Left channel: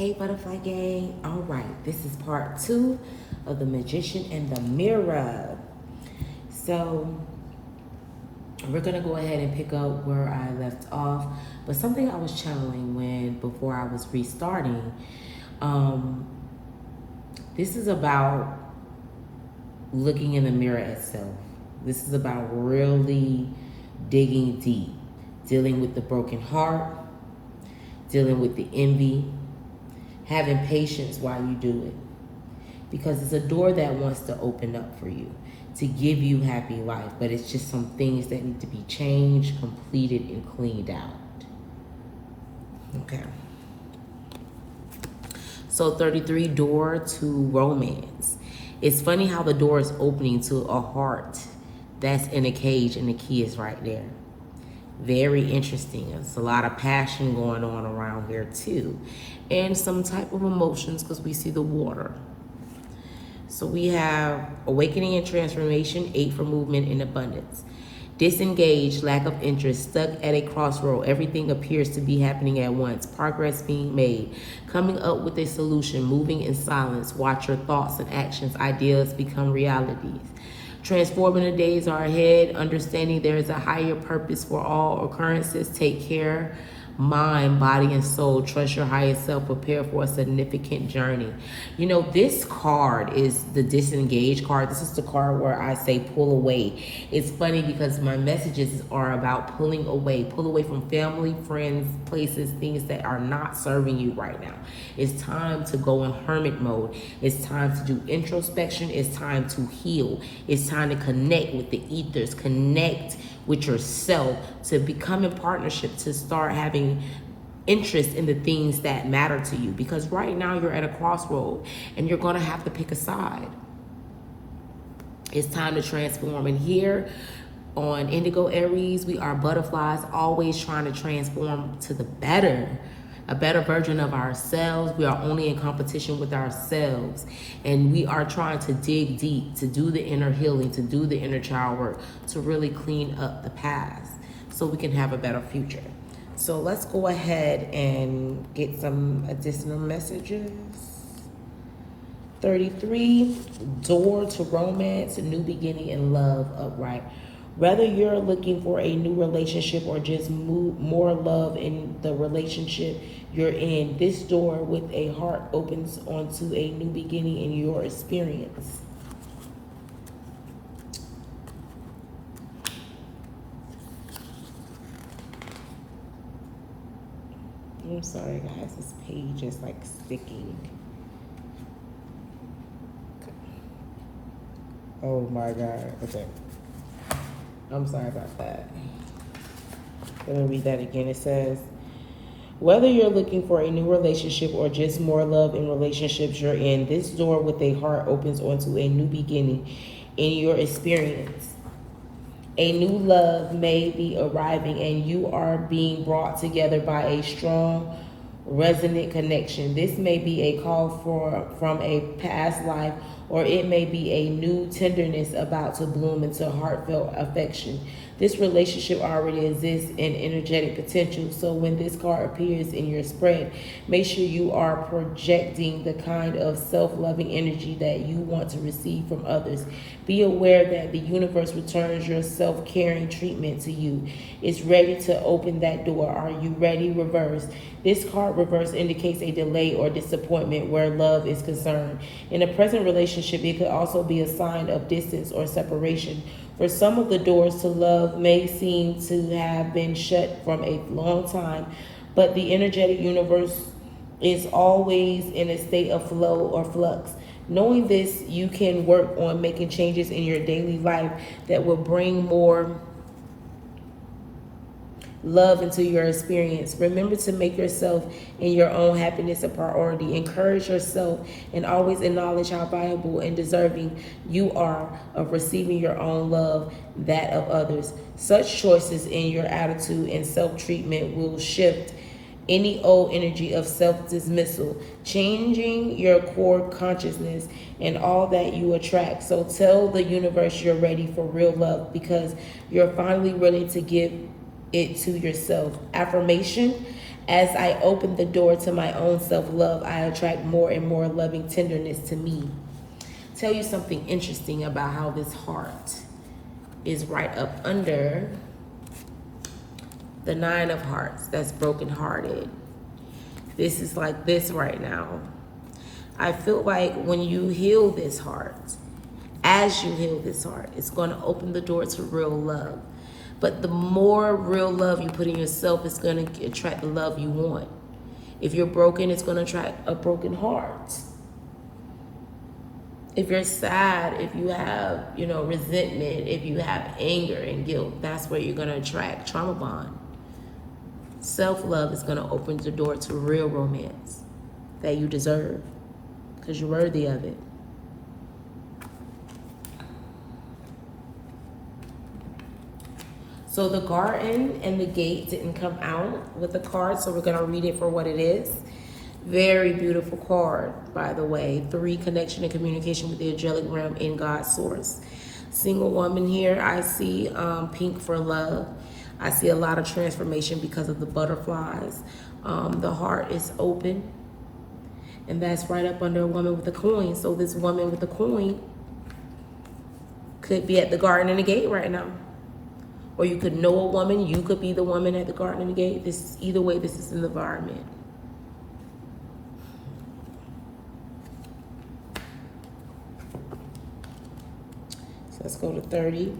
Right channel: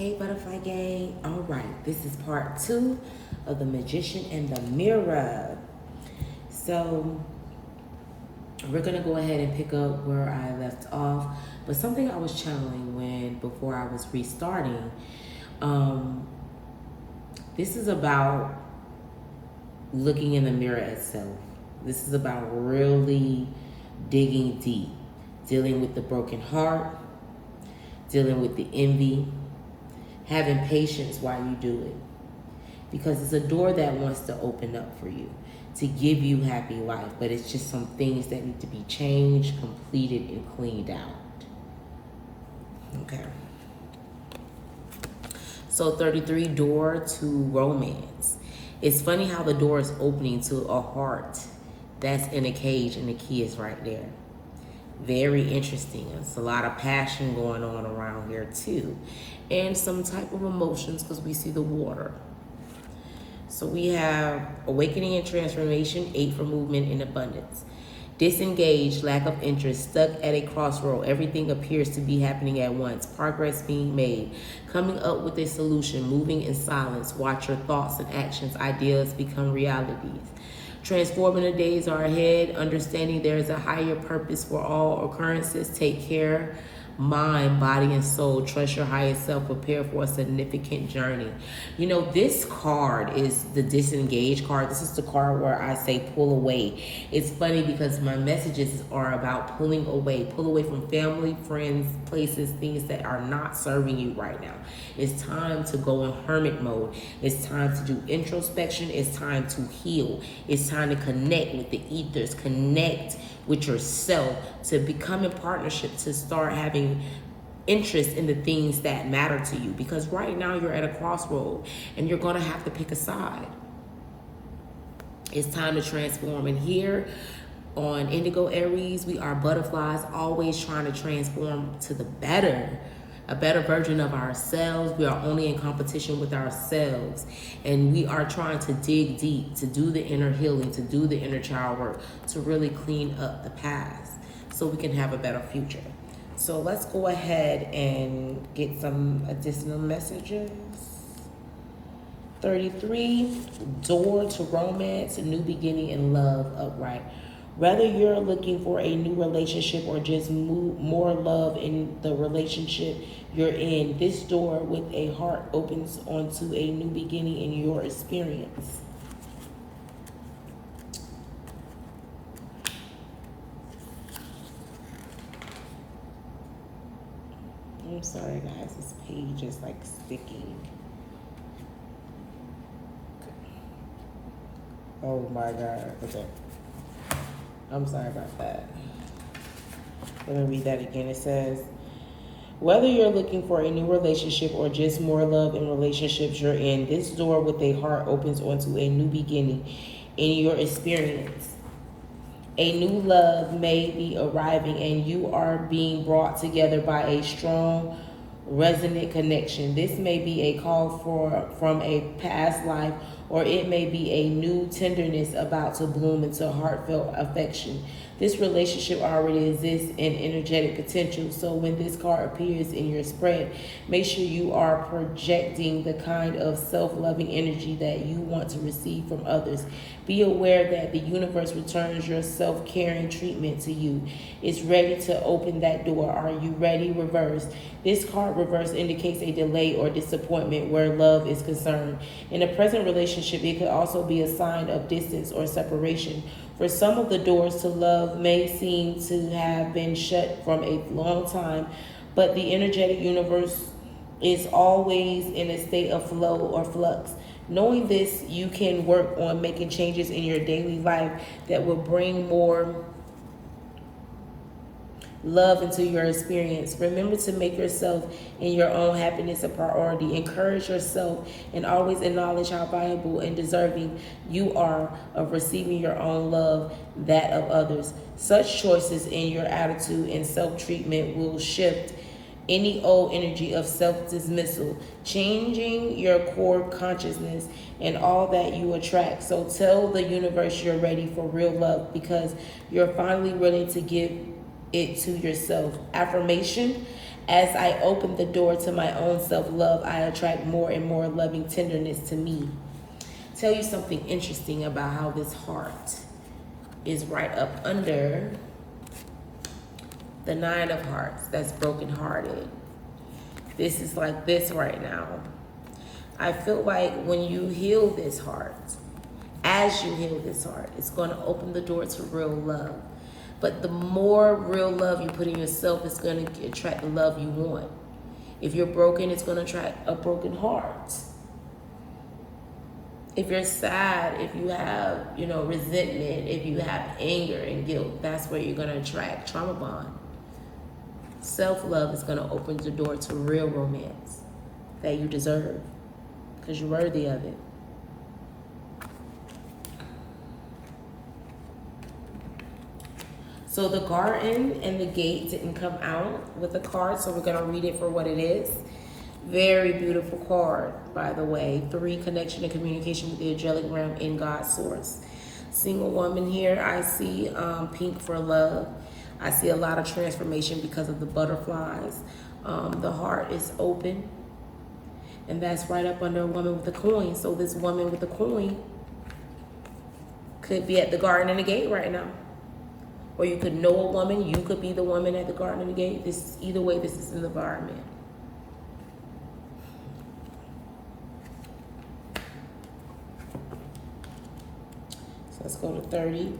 Hey Butterfly Gang. All right, this is part 2 of The Magician and the Mirror. So we're gonna go ahead and pick up where I left off. But something I was channeling before I was restarting, this is about looking in the mirror itself. This is about really digging deep, dealing with the broken heart, dealing with the envy, having patience while you do it. Because it's a door that wants to open up for you, to give you happy life, but it's just some things that need to be changed, completed, and cleaned out. Okay. So 33, door to romance. It's funny how the door is opening to a heart that's in a cage and the key is right there. Very interesting. There's a lot of passion going on around here too. And some type of emotions because we see the water. So we have awakening and transformation, 8 for movement and abundance. Disengaged, lack of interest, stuck at a crossroad. Everything appears to be happening at once. Progress being made. Coming up with a solution, moving in silence. Watch your thoughts and actions, ideas become realities. Transforming the days are ahead, understanding there is a higher purpose for all occurrences. Take care, mind, body, and soul. Trust your higher self. Prepare for a significant journey. You know, this card is the disengaged card. This is the card where I say pull away. It's funny because my messages are about pulling away. Pull away from family, friends, places, things that are not serving you right now. It's time to go in hermit mode. It's time to do introspection. It's time to heal. It's time to connect with the ethers, connect with yourself, to become in partnership, to start having interest in the things that matter to you. Because right now you're at a crossroad and you're going to have to pick a side. It's time to transform. And here on Indigo Aries, we are butterflies, always trying to transform to the better. A better version of ourselves. We are only in competition with ourselves. And we are trying to dig deep, to do the inner healing, to do the inner child work, to really clean up the past so we can have a better future. So let's go ahead and get some additional messages. 33, door to romance, a new beginning and love, upright. Whether you're looking for a new relationship or just more love in the relationship you're in, this door with a heart opens onto a new beginning in your experience. I'm sorry guys, this page is like sticking. Oh my God, okay. I'm sorry about that. Let me read that again. It says, whether you're looking for a new relationship or just more love in relationships you're in, this door with a heart opens onto a new beginning in your experience. A new love may be arriving and you are being brought together by a strong, resonant connection. This may be a call from a past life, or it may be a new tenderness about to bloom into heartfelt affection. This relationship already exists in energetic potential, so when this card appears in your spread, make sure you are projecting the kind of self-loving energy that you want to receive from others. Be aware that the universe returns your self-caring treatment to you. It's ready to open that door. Are you ready? Reverse. This card reverse indicates a delay or disappointment where love is concerned. In a present relationship, it could also be a sign of distance or separation. For some of the doors to love may seem to have been shut from a long time, but the energetic universe is always in a state of flow or flux. Knowing this, you can work on making changes in your daily life that will bring more love into your experience. Remember to make yourself and your own happiness a priority. Encourage yourself and always acknowledge how valuable and deserving you are of receiving your own love, that of others. Such choices in your attitude and self-treatment will shift any old energy of self-dismissal, changing your core consciousness and all that you attract. So tell the universe you're ready for real love because you're finally willing to give it to yourself. Affirmation: As I open the door to my own self-love, I attract more and more loving tenderness to me. Tell you something interesting about how this heart is right up under the 9 of Hearts. That's brokenhearted. This is like this right now. I feel like when you heal this heart, as you heal this heart, it's going to open the door to real love. But the more real love you put in yourself, it's going to attract the love you want. If you're broken, it's going to attract a broken heart. If you're sad, if you have, resentment, if you have anger and guilt, that's where you're going to attract trauma bond. Self-love is going to open the door to real romance that you deserve because you're worthy of it. So the garden and the gate didn't come out with the card, so we're going to read it for what it is. Very beautiful card, by the way. 3, connection and communication with the angelic realm in God's source. Single woman here, I see pink for love. I see a lot of transformation because of the butterflies. The heart is open, and that's right up under a woman with a coin. So this woman with a coin could be at the garden and the gate right now. Or you could know a woman, you could be the woman at the garden and the gate. Either way, this is an environment. So let's go to 30.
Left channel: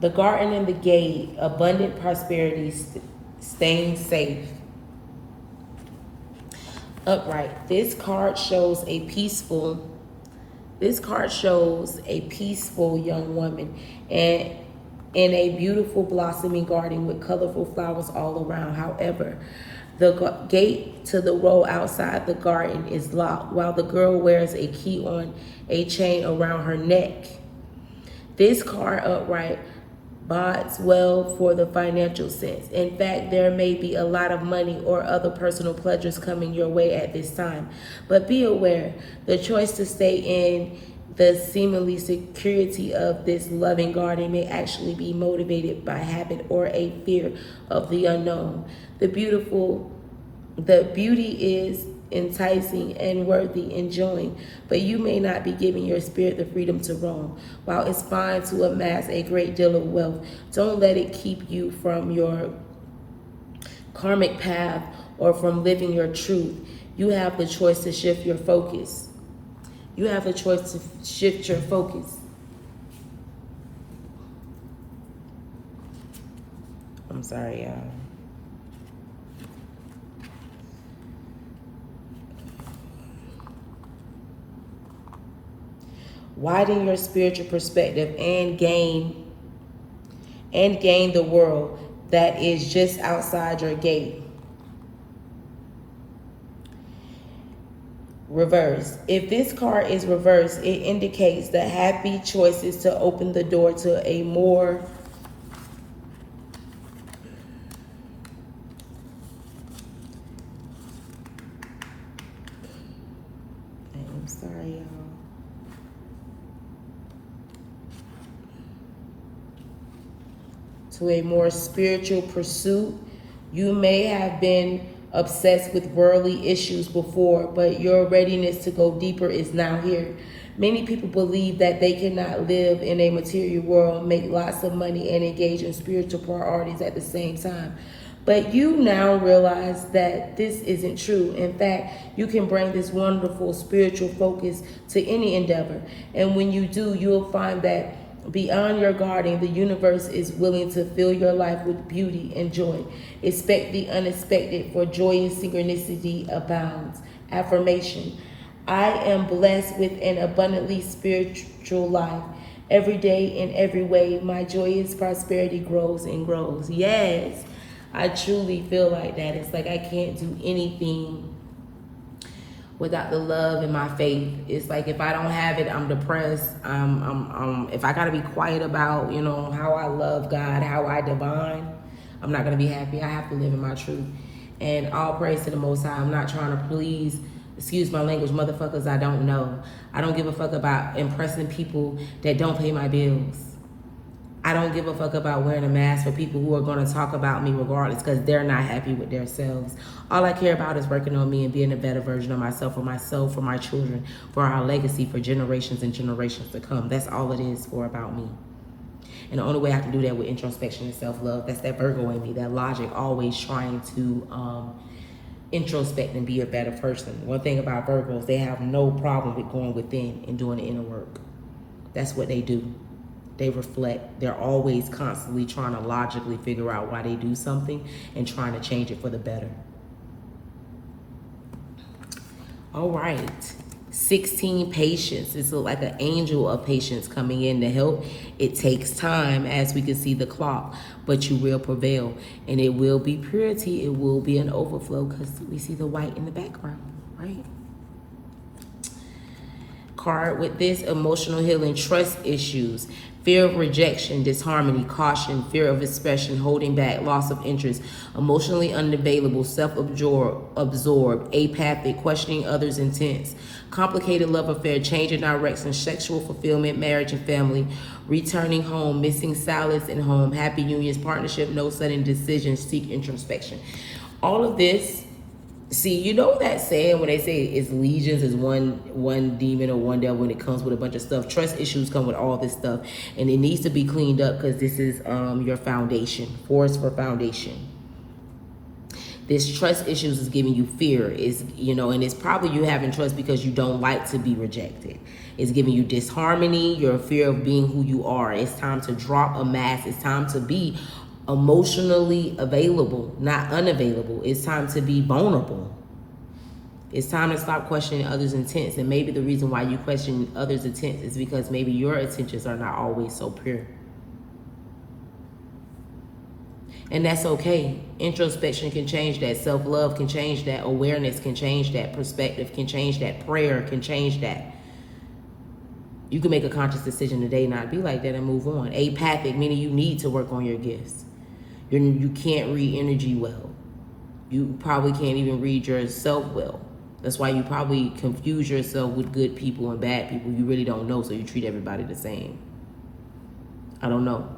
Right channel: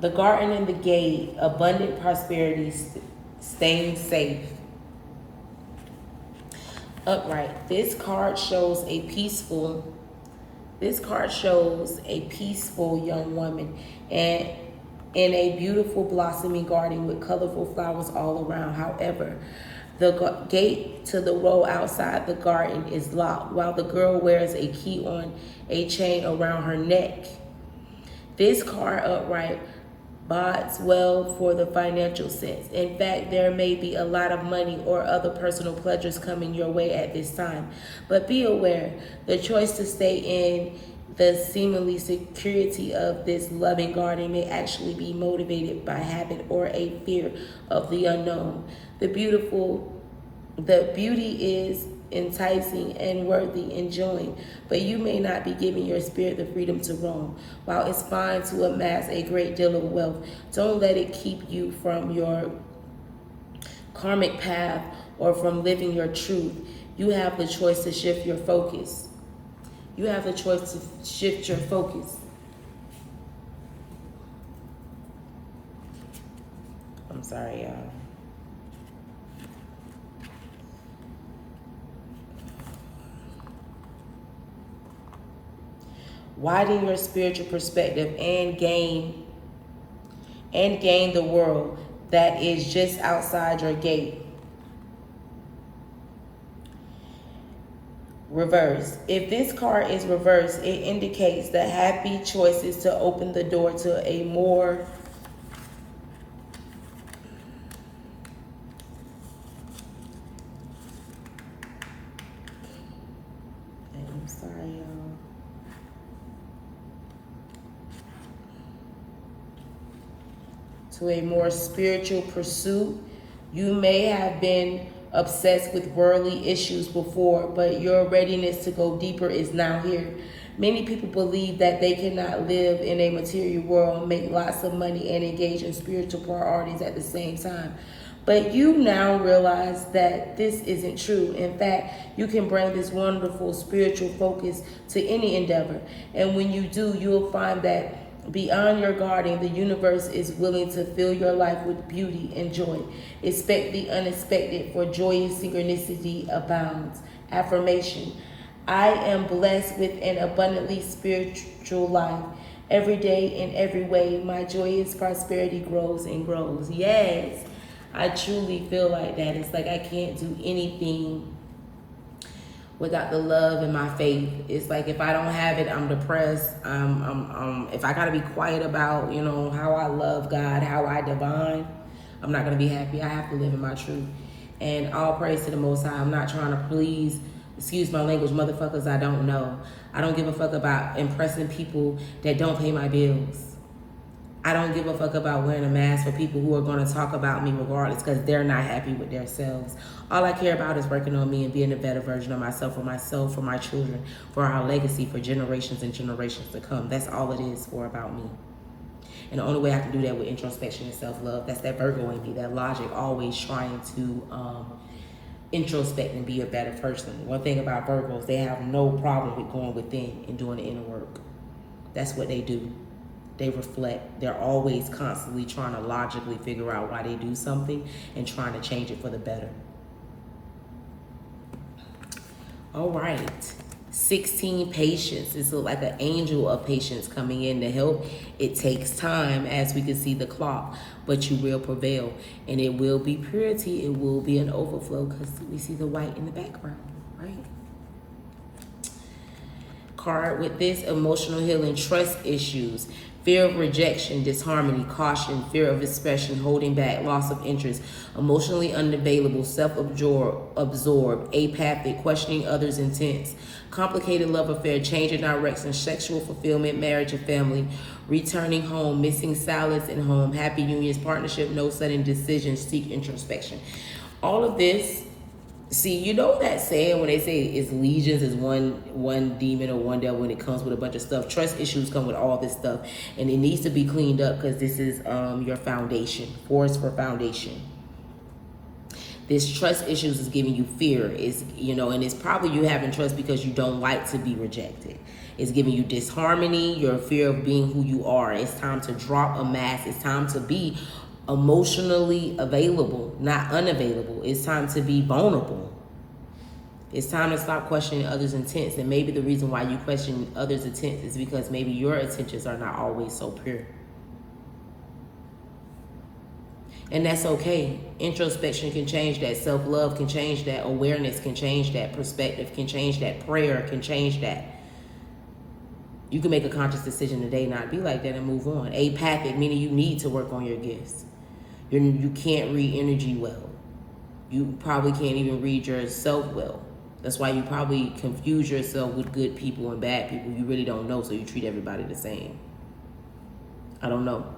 The garden and the gate, abundant prosperity, staying safe. Upright. This card shows a peaceful young woman and in a beautiful blossoming garden with colorful flowers all around. However, the gate to the road outside the garden is locked while the girl wears a key on a chain around her neck. This card upright bodes well for the financial sense. In fact, there may be a lot of money or other personal pleasures coming your way at this time. But be aware, the choice to stay in the seemingly security of this loving garden may actually be motivated by habit or a fear of the unknown. The beauty is enticing and worthy enjoying, but you may not be giving your spirit the freedom to roam. While it's fine to amass a great deal of wealth, don't let it keep you from your karmic path or from living your truth. You have the choice to shift your focus. You have a choice to shift your focus. I'm sorry, y'all. Widen your spiritual perspective and gain the world that is just outside your gate. Reverse. If this card is reversed, it indicates the happy choices to open the door to a more to a more spiritual pursuit. You may have been obsessed with worldly issues before, but your readiness to go deeper is now here. Many people believe that they cannot live in a material world, make lots of money, and engage in spiritual priorities at the same time. But you now realize that this isn't true. In fact, you can bring this wonderful spiritual focus to any endeavor. And when you do, you'll find that beyond your garden, the universe is willing to fill your life with beauty and joy. Expect the unexpected, for joy and synchronicity abounds. Affirmation. I am blessed with an abundantly spiritual life. Every day in every way, my joyous prosperity grows and grows. Yes, I truly feel like that. It's like I can't do anything without the love and my faith. It's like if I don't have it, I'm depressed. If I gotta be quiet about, how I love God, how I divine, I'm not gonna be happy. I have to live in my truth. And all praise to the Most High. I'm not trying to please excuse my language, motherfuckers I don't know. I don't give a fuck about impressing people that don't pay my bills. I don't give a fuck about wearing a mask for people who are going to talk about me regardless because they're not happy with themselves. All I care about is working on me and being a better version of myself, for my children, for our legacy, for generations and generations to come. That's all it is for about me. And the only way I can do that with introspection and self-love, that's that Virgo in me, that logic, always trying to introspect and be a better person. One thing about Virgos, they have no problem with going within and doing the inner work. That's what they do. They reflect. They're always constantly trying to logically figure out why they do something and trying to change it for the better. All right. 16, patience. It's like an angel of patience coming in to help. It takes time, as we can see the clock, but you will prevail. And it will be purity. It will be an overflow because we see the white in the background, right? Card with this, emotional healing, trust issues, fear of rejection, disharmony, caution, fear of expression, holding back, loss of interest, emotionally unavailable, self-absorbed, apathic, questioning others' intents, complicated love affair, change in direction, sexual fulfillment, marriage and family, returning home, missing salads in home, happy unions, partnership, no sudden decisions, seek introspection. All of this. See, you know that saying when they say it's legions, is one demon or one devil, when it comes with a bunch of stuff. Trust issues come with all this stuff, and it needs to be cleaned up because this is your foundation. Force for foundation. This trust issues is giving you fear, is and it's probably you having trust because you don't like to be rejected. It's giving you disharmony, your fear of being who you are. It's time to drop a mask. It's time to be emotionally available, not unavailable. It's time to be vulnerable. It's time to stop questioning others' intents. And maybe the reason why you question others' intents is because maybe your intentions are not always so pure. And that's okay. Introspection can change that. Self-love can change that. Awareness can change that. Perspective can change that. Prayer can change that. You can make a conscious decision today not be like that and move on. Apathic, meaning you need to work on your gifts. You can't read energy well. You probably can't even read yourself well. That's why you probably confuse yourself with good people and bad people. You really don't know, so you treat everybody the same. I don't know.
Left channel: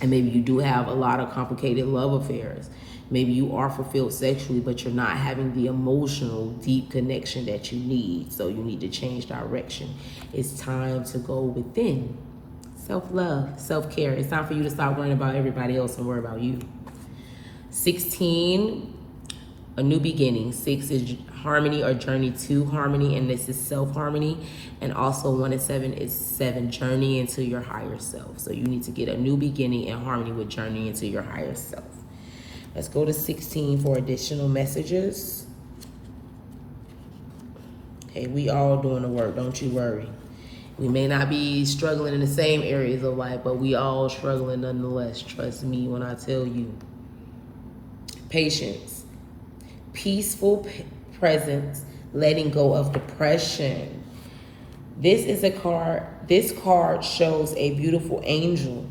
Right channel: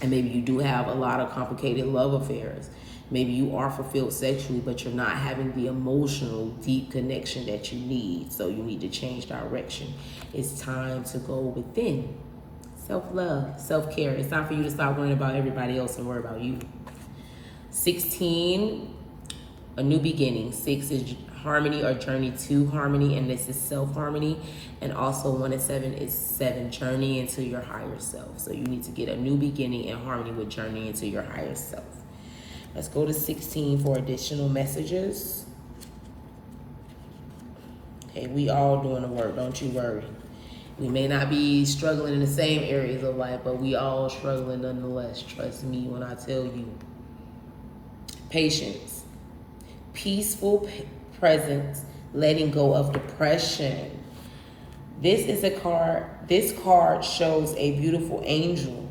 And maybe you do have a lot of complicated love affairs. Maybe you are fulfilled sexually, but you're not having the emotional, deep connection that you need. So you need to change direction. It's time to go within. Self-love, self-care. It's time for you to stop worrying about everybody else and worry about you. 16, a new beginning. 6 is harmony or journey to harmony, and this is self-harmony. And also 1 and 7 is 7, journey into your higher self. So you need to get a new beginning and harmony with journey into your higher self. Let's go to 16 for additional messages. Hey, we all doing the work, don't you worry. We may not be struggling in the same areas of life, but we all struggling nonetheless. Trust me when I tell you. Patience. Peaceful presence, letting go of depression. This is a card. This card shows a beautiful angel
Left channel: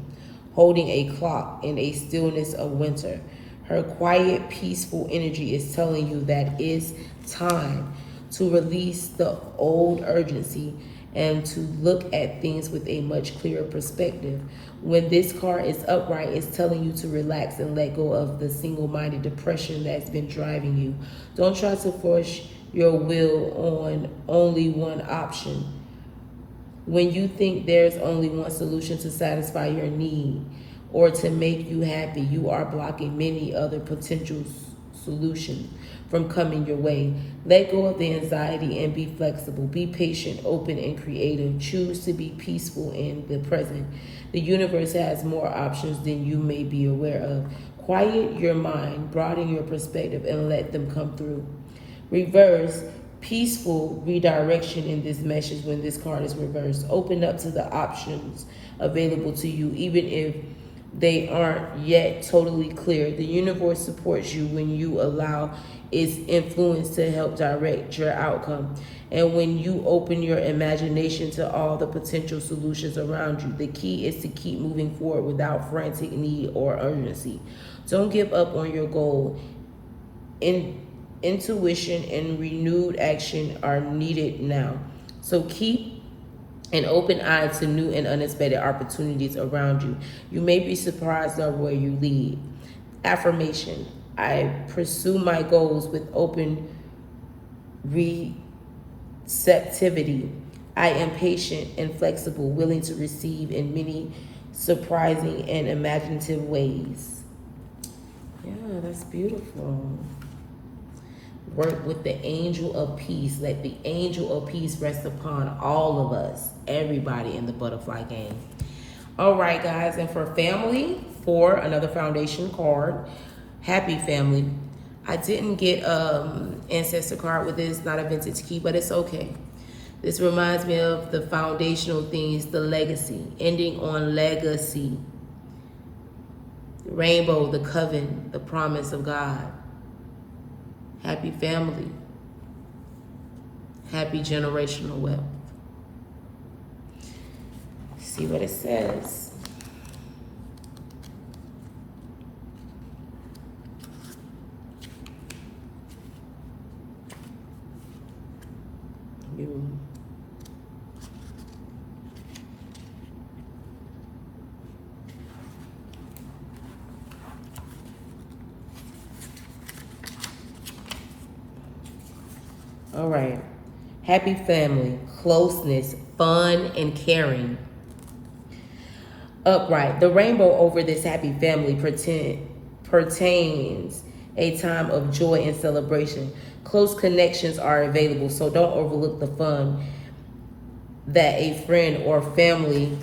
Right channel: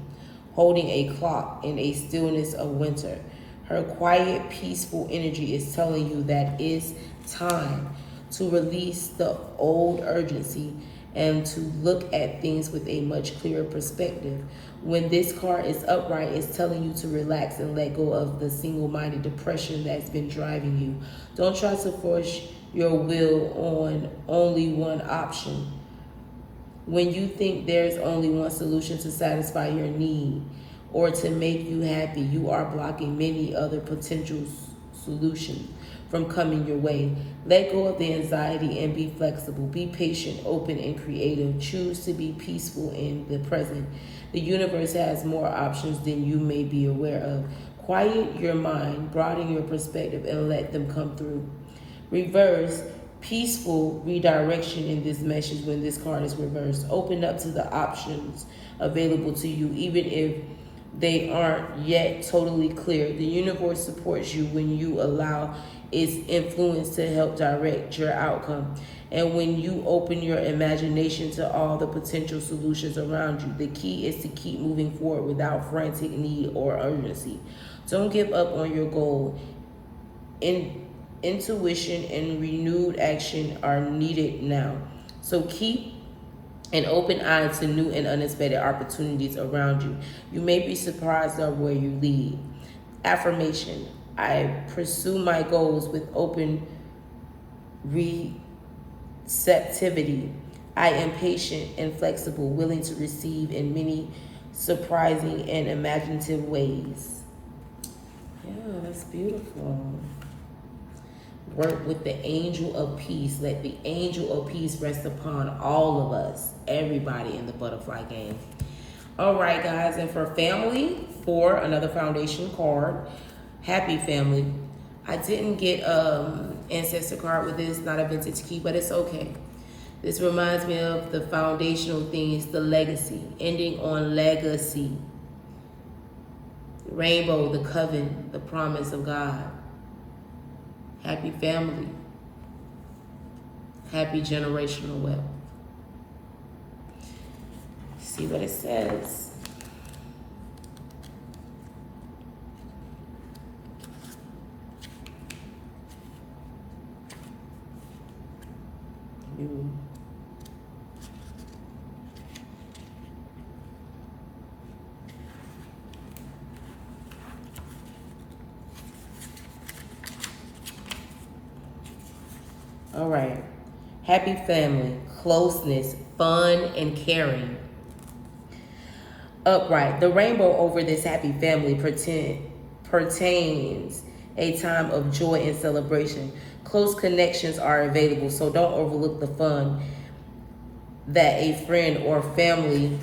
holding a clock in a stillness of winter. Her quiet, peaceful energy is telling you that it's time to release the old urgency and to look at things with a much clearer perspective. When this card is upright, it's telling you to relax and let go of the single-minded depression that's been driving you. Don't try to force your will on only one option. When you think there's only one solution to satisfy your need or to make you happy, you are blocking many other potential solutions from coming your way. Let go of the anxiety and be flexible. Be patient, open, and creative. Choose to be peaceful in the present. The universe has more options than you may be aware of. Quiet your mind, broaden your perspective, and let them come through. Reverse, peaceful redirection in this message when this card is reversed. Open up to the options available to you, even if they aren't yet totally clear. The universe supports you when you allow its influence to help direct your outcome. And when you open your imagination to all the potential solutions around you, the key is to keep moving forward without frantic need or urgency. Don't give up on your goal. intuition and renewed action are needed now. So keep an open eye to new and unexpected opportunities around you. You may be surprised at where you lead. Affirmation: I pursue my goals with open receptivity. I am patient and flexible, willing to receive in many surprising and imaginative ways. Yeah, that's beautiful. Work with the angel of peace. Let the angel of peace rest upon all of us, everybody in the butterfly game. All right, guys, and for family, for another foundation card, happy family. I didn't get ancestor card with this, not a vintage key, but it's okay. This reminds me of the foundational things, the legacy, ending on legacy. Rainbow, the coven, the promise of God. Happy family. Happy generational wealth. See what it says. All right. Happy family, closeness, fun, and caring. Upright. The rainbow over this happy family pertains a time of joy and celebration. Close connections are available, so don't overlook the fun that a friend or family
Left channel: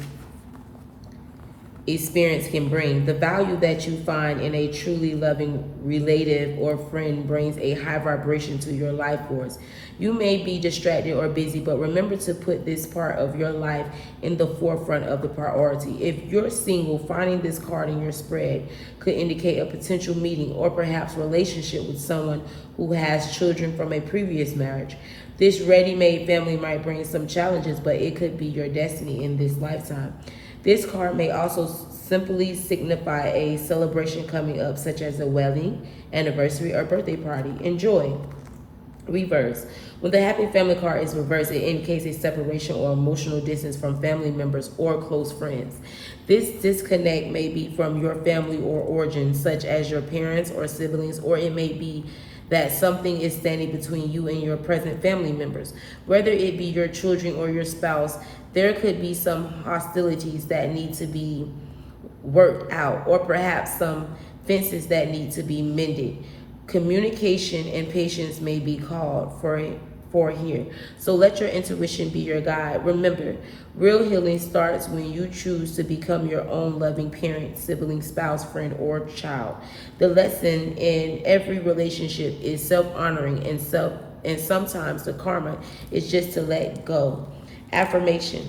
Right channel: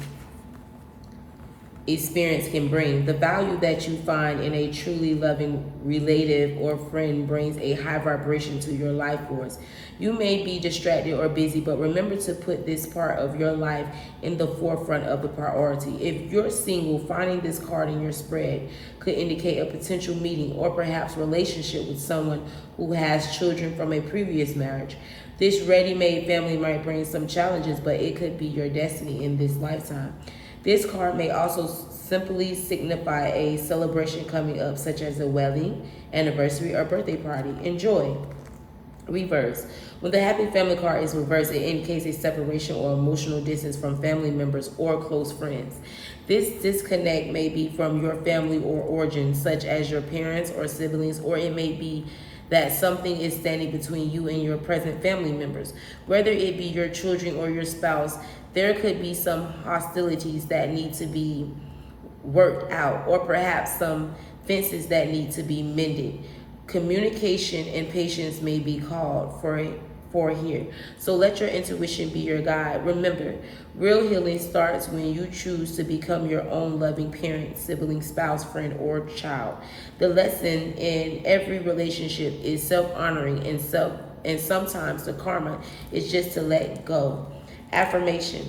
experience can bring. The value that you find in a truly loving relative or friend brings a high vibration to your life force. You may be distracted or busy, but remember to put this part of your life in the forefront of the priority. If you're single, finding this card in your spread could indicate a potential meeting or perhaps relationship with someone who has children from a previous marriage. This ready-made family might bring some challenges, but it could be your destiny in this lifetime. This card may also simply signify a celebration coming up, such as a wedding, anniversary, or birthday party. Enjoy. Reverse. When the happy family card is reversed, it indicates a separation or emotional distance from family members or close friends. This disconnect may be from your family or origin, such as your parents or siblings, or it may be that something is standing between you and your present family members. Whether it be your children or your spouse, there could be some hostilities that need to be worked out, or perhaps some fences that need to be mended. Communication and patience may be called for here. So let your intuition be your guide. Remember, real healing starts when you choose to become your own loving parent, sibling, spouse, friend, or child. The lesson in every relationship is self-honoring, and sometimes the karma is just to let go. Affirmation:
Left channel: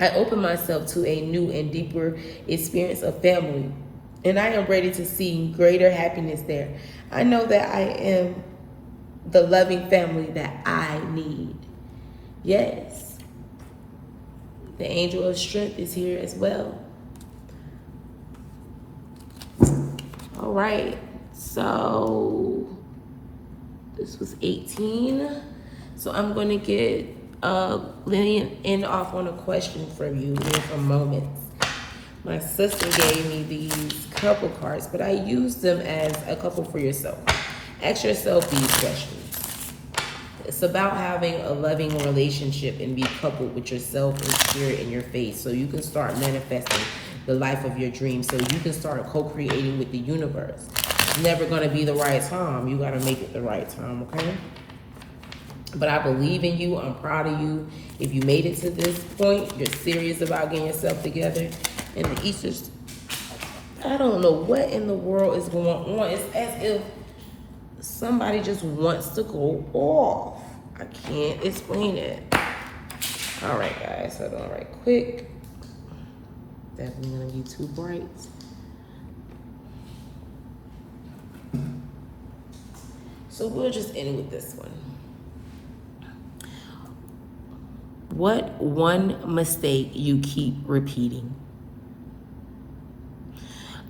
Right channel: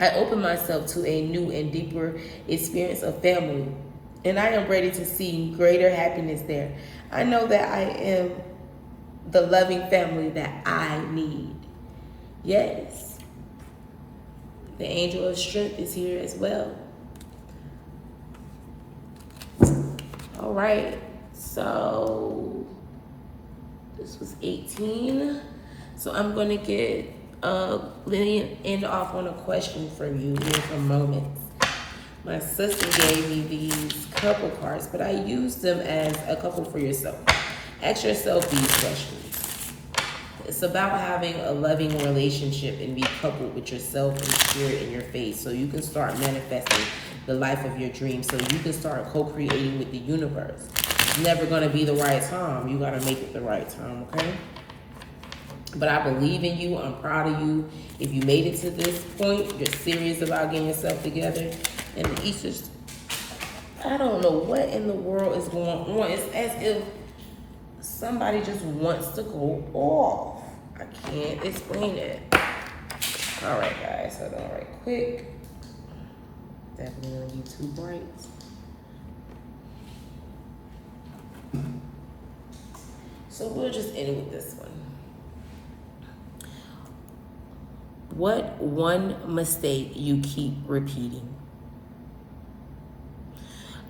I open myself to a new and deeper experience of family, and I am ready to see greater happiness there. I know that I am the loving family that I need. Yes. The angel of strength is here as well. All right. So this was 18. So I'm going to get Lillian end off on a question from you here for moments. My sister gave me these couple cards, but I used them as a couple for yourself. Ask yourself these questions. It's about having a loving relationship and be coupled with yourself and spirit in your faith, so you can start manifesting the life of your dreams, so you can start co-creating with the universe. It's never going to be the right time. You got to make it the right time, okay? But I believe in you. I'm proud of you. If you made it to this point, you're serious about getting yourself together. And the Easter's, I don't know what in the world is going on. It's as if somebody just wants to go off. I can't explain it. All right, guys. Hold on right quick. Definitely gonna be too bright. So we'll just end with this one. What one mistake you keep repeating?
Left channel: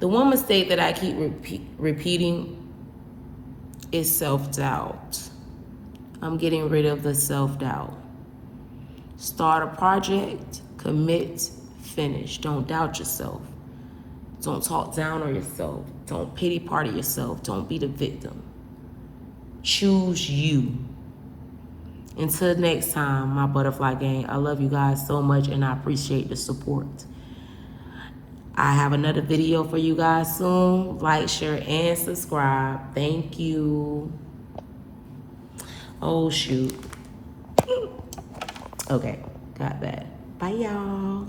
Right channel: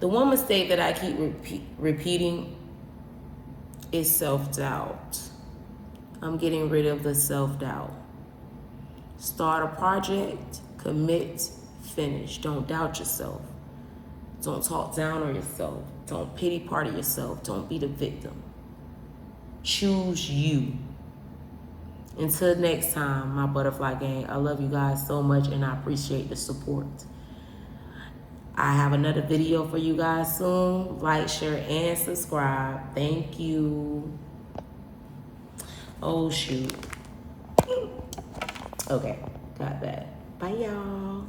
The one mistake that I keep repeating is self-doubt. I'm getting rid of the self-doubt. Start a project, commit, finish. Don't doubt yourself. Don't talk down on yourself. Don't pity party yourself. Don't be the victim. Choose you. Until next time, my butterfly gang, I love you guys so much and I appreciate the support. I have another video for you guys soon. Like, share, and subscribe. Thank you. Oh, shoot. Okay, got that. Bye, y'all.